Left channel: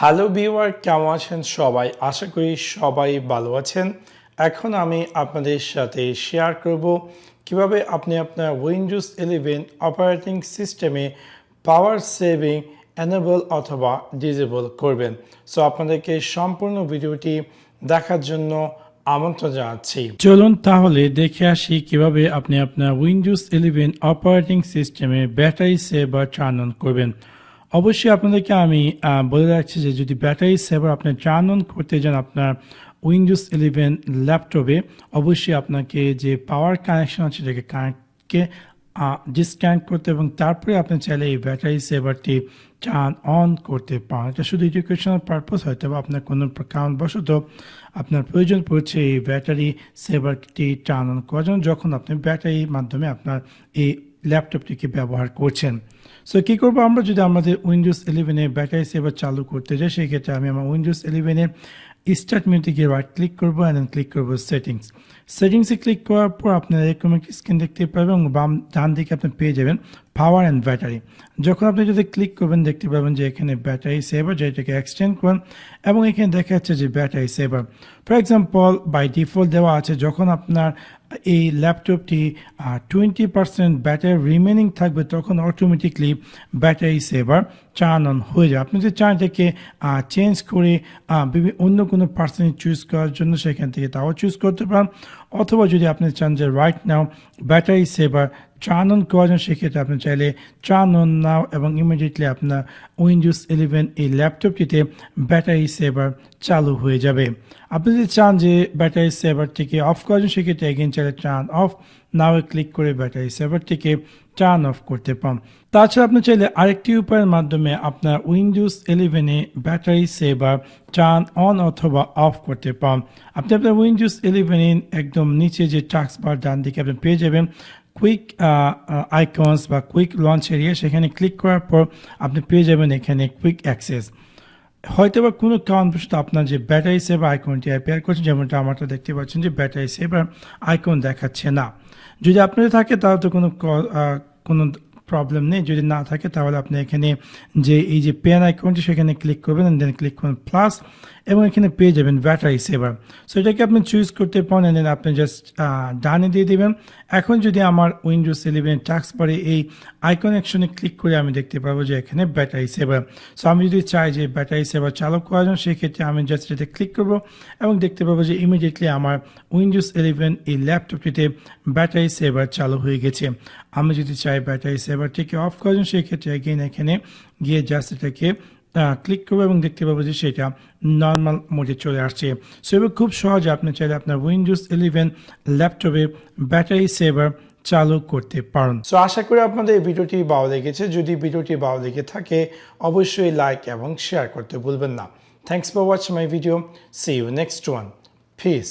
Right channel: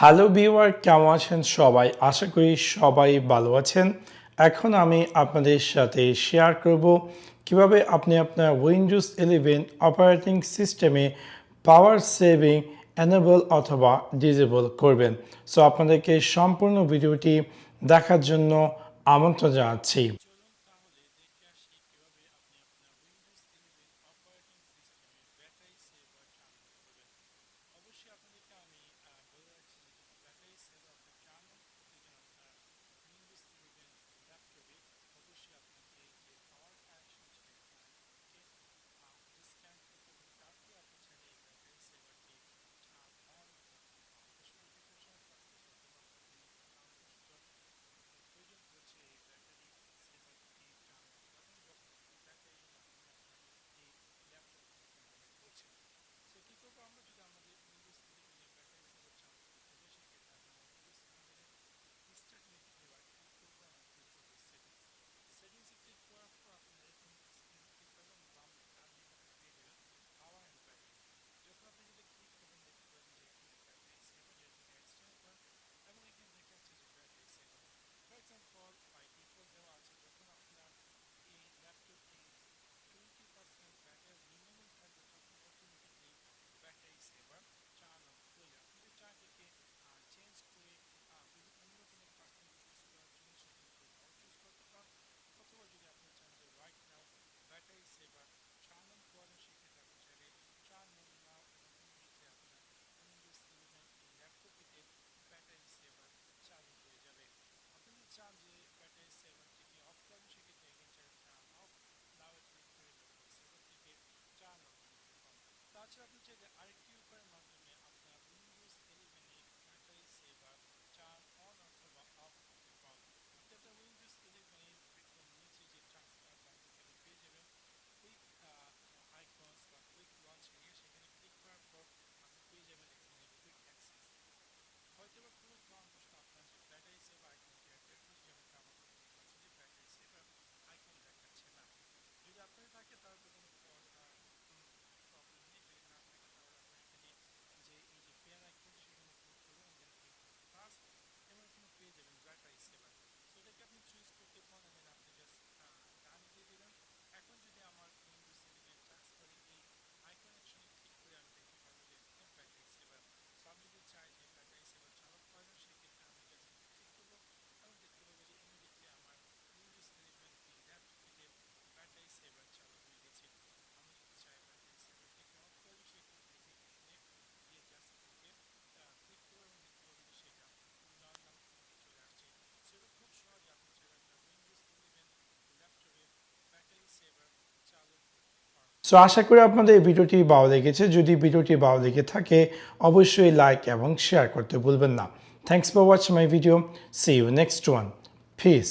Hello viewer, কেমন আছেন সবাই? আশা করি সবাই ভালো আছেন। এখন আমি আপনাদের সাথে শেয়ার করব কিভাবে আপনি আপনার উইন্ডোজ 11 অপারেটিং সিস্টেমে পাওয়ার সেভিং এনেবল অথবা ডিসেবল করবেন। সো আপনাদেরকে সম্পূর্ণ ভিডিওটি দেখার জন্য আমন্ত্রণ জানাচ্ছি। চলুন তাহলে দেখে আসি কিভাবে আপনি আপনার উইন্ডোজ 11 অপারেটিং সিস্টেমে ব্যাটারি সেভার টার্ন অন করবেন। অবশ্যই আপনাদেরকে আমি বলে রাখছি যে যদি ব্যাটারি সেভার আপনি টার্ন অন করতে যান আপনার উইন্ডোজ 11 ল্যাপটপে, অবশ্যই আপনাকে যে পাওয়ার কানেকশন আছে সেটাকে কানেক্টকে ডিসকানেক্ট করতে এবং তারপরে আপনি চাইলে এই ব্যাটারি সেভারটি টার্ন অন করতে পারেন। এটা শুধু এডুকেশনাল পারপোজ, হয়তো বা আপনার কোনো কারণবশত আপনার প্রয়োজন পড়ছে এই ব্যাটারি সেভারটি টার্ন অন করার জন্য, যখন আপনি ব্যাটারির মাধ্যমে আপনার এই ল্যাপটপটিকে ব্যবহার করছেন। সো কী করবো আমরা, যদি আমাদের উইন্ডোজ 11-এ ব্যাটারি সেভার চালু করতে যাই, সেই ক্ষেত্রে আমি আমার উইন্ডোজ 11-এর স্টার্ট মেনুতে গিয়ে রাইট ক্লিক করবো অ্যান্ড দেন ক্লিক করবো সেটিংসে ক্লিক করার পর আপনার এরকম একটি স্ক্রিন দেখতে পাবেন এবং ডান দিকে আপনি পেয়ে যাবেন পাওয়ার অ্যান্ড ব্যাটারি। যখন আপনি যদি ক্লিক করবেন দেখতে পাবেন যে এখানে ব্যাটারি সেভার, যেটাকে এক্সটেন্ড করেন এবং এখানে দেখা যাচ্ছে যে battery saver for example by default দেওয়া আছে। যখন আপনার এই ল্যাপটপটি 20% ব্যাটারি রিমেনিং থাকবে তখন automatically battery saver turn on হয়ে যায়। আপনি যদি চান এটাকে চেঞ্জ করে অন্য কোনো পার্সেন্টেজ চুজ করার জন্য সেখান থেকে তাও চুজ করতে পারেন, অথবা যদি আপনি চান যে right now battery saver turn on করার জন্য, সেক্ষেত্রে আপনি চাইলে টার্ন অন নাও এবং ইমিডিয়েটলি আপনার উইন্ডোজ 11 এই ল্যাপটপটিতে ব্যাটারি সেভার চালু হয়ে যাবে। আপনি যদি চান যে ব্যাটারি সেভারটিকে অফ করার জন্য, সেক্ষেত্রে এগেন চাইলে টার্ন অফ নাও ক্লিক করে ব্যাটারি সেভারটিকে টার্ন অফ করতে পারেন। তাছাড়া আপনি চাইলে আরেকটি উপায়ের মাধ্যমে আপনার উইন্ডোজ 11-এ ব্যাটারি সেভার টার্ন অন অথবা অফ করতে পারেন। আপনি আপনার উইন্ডোজ 11-এর একদম নিচে যে টাস্ক বার ডান দিকে আপনি পেয়ে যাবেন কুইক আইকনস বা কুইক লঞ্চ এরিয়া, সেখানে ক্লিক করার পর আপনি পেয়ে যাবেন এখানে কুইক অ্যাক্সেস। হয়তো বা কোনো কারণবশত আপনার যে ব্যাটারি সেভার আইকনটি অ্যাপিয়ার করছে, যেমনটা আমারটা দেখতে পাচ্ছেন যে ব্যাটারি সেভার আইকন দেখাচ্ছে না। যদি আপনাদের থাকে তাহলে তো কোনো প্রবলেম নেই। যদি না থাকে তাহলে আপনি এখানে যে এই যে পেন আইকনটি সেখানে ক্লিক করবেন, দেন ক্লিক করবেন প্লাস এবং এখানে পেয়ে যাবেন ব্যাটারি সেভার। সো এটাকে আপনি চুজ করতে পারেন, দেন আপনি জাস্ট ডানে দিয়ে দেবেন। এখন যদি আমার উইন্ডোজ 11 টাস্ক বারে এই আইকন অ্যাকশনে ক্লিক করে আমি দেখতে পাবো যে এখানে ব্যাটারি সেভার। সো আমি যদি চাই যে ব্যাটারি সেভার চালু করার জন্য, সেক্ষেত্রে আমি জাস্ট এটা ক্লিক করবো এবং দেখতে পাবো যে ইমিডিয়েটলি আমার উইন্ডোজ 11 এই ল্যাপটপটিতে ব্যাটারি সেভার চালু হয়ে গেছে। আমি যদি চাই ব্যাটারি সেভারটিকে অফ করার জন্য, সেক্ষেত্রে এগেইন এখানে গিয়ে জাস্ট এটাকে ক্লিক করবো এবং দেখতে পাবো যে সেটা নর্মাল মোডে চলে আসছে। সো এবার খুব সহজে আপনি চাইলে আপনার উইন্ডোজ 11 ল্যাপটপে ব্যাটারি সেভার চালু করতে পারেন। সো আশা করি আপনাদের এই ভিডিওটি ভালো লেগেছে। যদি ভিডিওটি ভালো লেগে থাকে অবশ্যই লাইক এবং শেয়ার করতে ভুলবেন না। Thanks for watching my video. See you next one. Piece.